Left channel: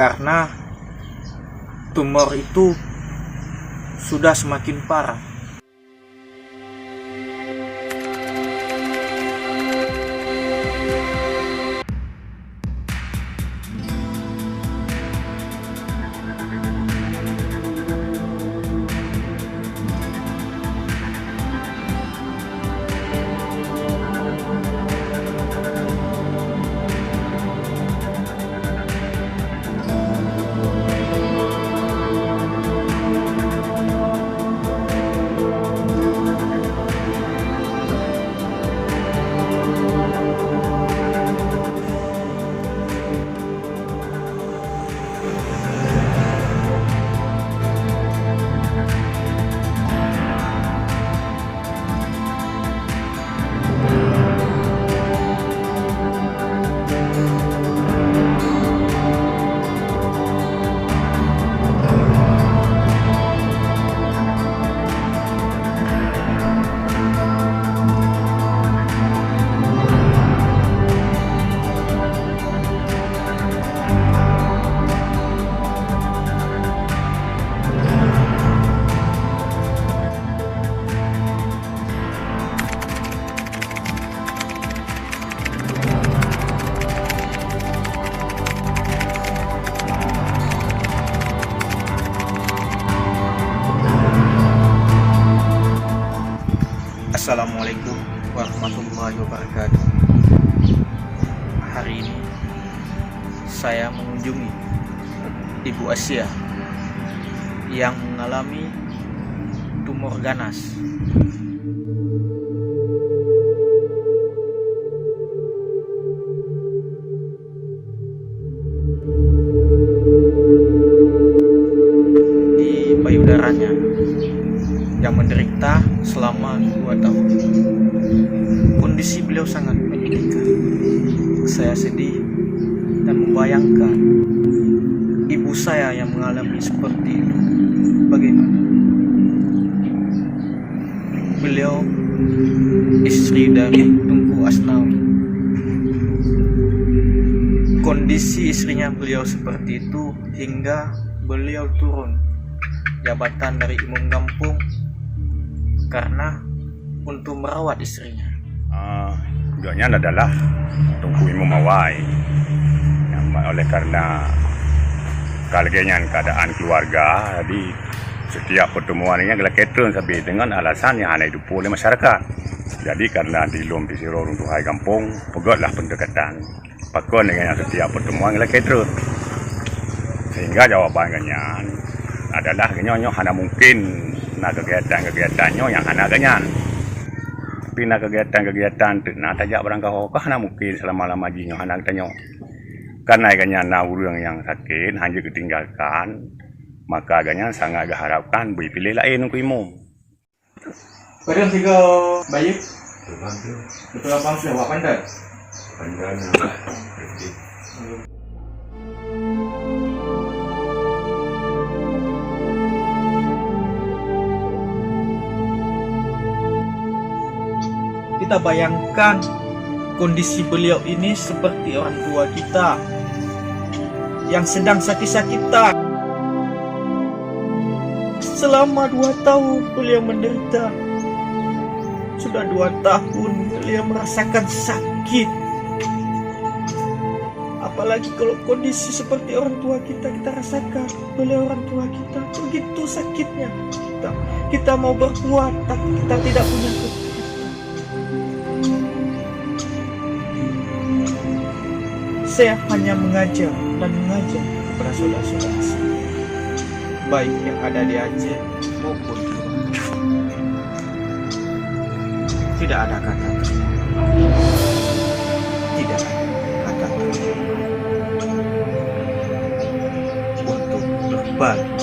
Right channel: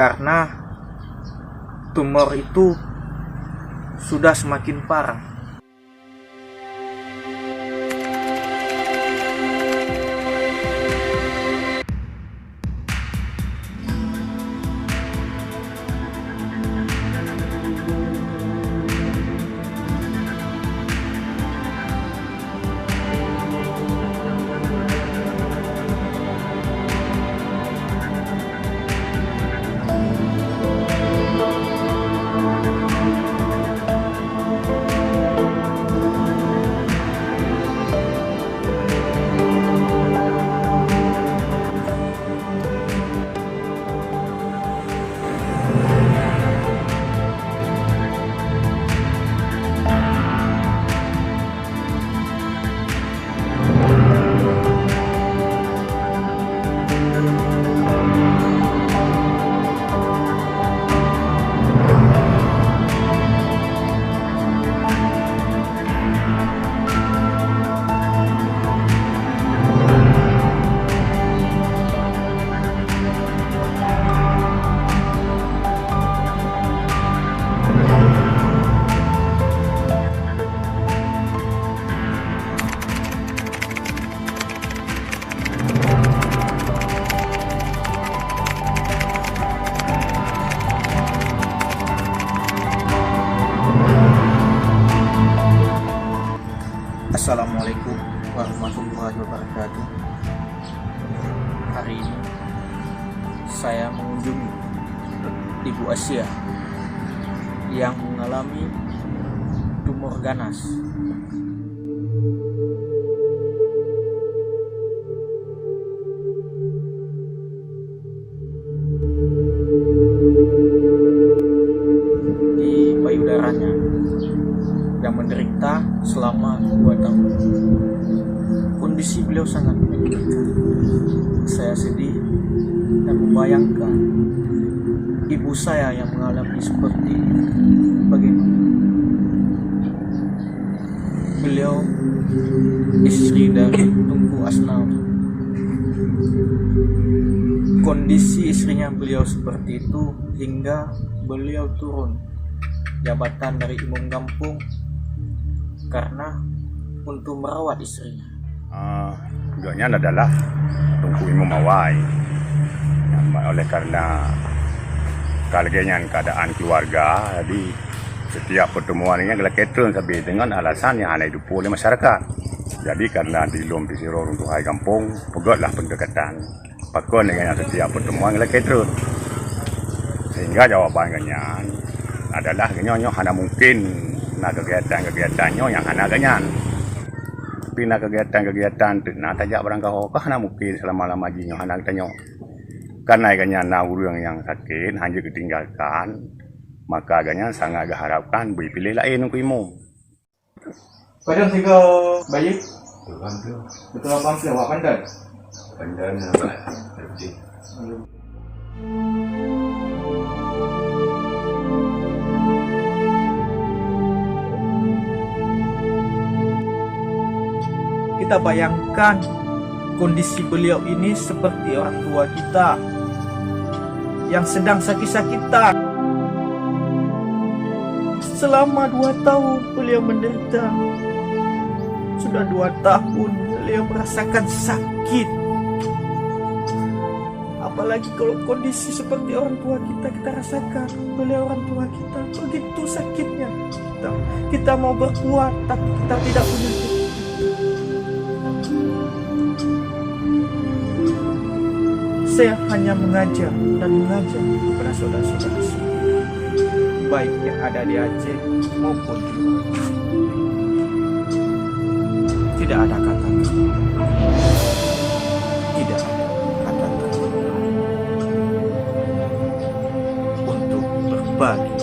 karena tumor itu sudah semakin parah. Assalamualaikum warahmatullahi wabarakatuh. Hari ini saya mengunjungi Ibu Asia yang mengalami tumor ganas. Di payudaranya yang menderita selama 2 tahun. Kondisi beliau sangat menyedihkan. Saya sedih dan membayangkan ibu saya yang mengalami seperti itu. Bagaimana? Beliau istri dari Tunku Asnawi. Kondisi istrinya beliau seperti itu hingga beliau turun jabatan dari imam kampung karena untuk merawat istrinya. Tugasnya adalah Tunku Imam Awai. Yang oleh karena keadaan keluarga, jadi setiap pertemuan ini adalah ketron sampai dengan alasan yang ada hidup oleh masyarakat. Jadi karena di Lom Pisiro untuk Hai Kampung, pegotlah pendekatan. Pakon dengan setiap pertemuan adalah ketron. Sehingga jawabannya adalah genyo hanya mungkin nak kegiatan-kegiatannya yang hana ganyan. Tapi nak kegiatan nak tajak barang kau hana mungkin selama-lama jinyo hana tanyo. Karena ganyan na urang yang sakit hanya ketinggalkan, maka ganyan sangat harapkan beri pilih lain untuk imum. Padahal tiga bayi. Betul apa sih awak pandai? Pandai nak. Kita bayangkan kondisi beliau ini seperti orang tua kita yang sedang sakit-sakitan. Selama 2 tahun beliau menderita. Sudah 2 tahun beliau merasakan sakit. Apalagi kalau kondisi seperti orang tua kita rasakan. Beliau orang tua kita begitu sakitnya. Kita mau berbuat tapi kita tidak punya kekuatan. Saya hanya mengajar kepada saudara-saudara saya, baik yang ada di Aceh maupun di luar. Tidak ada kata terima. Tidak ada kata terima untuk berbagi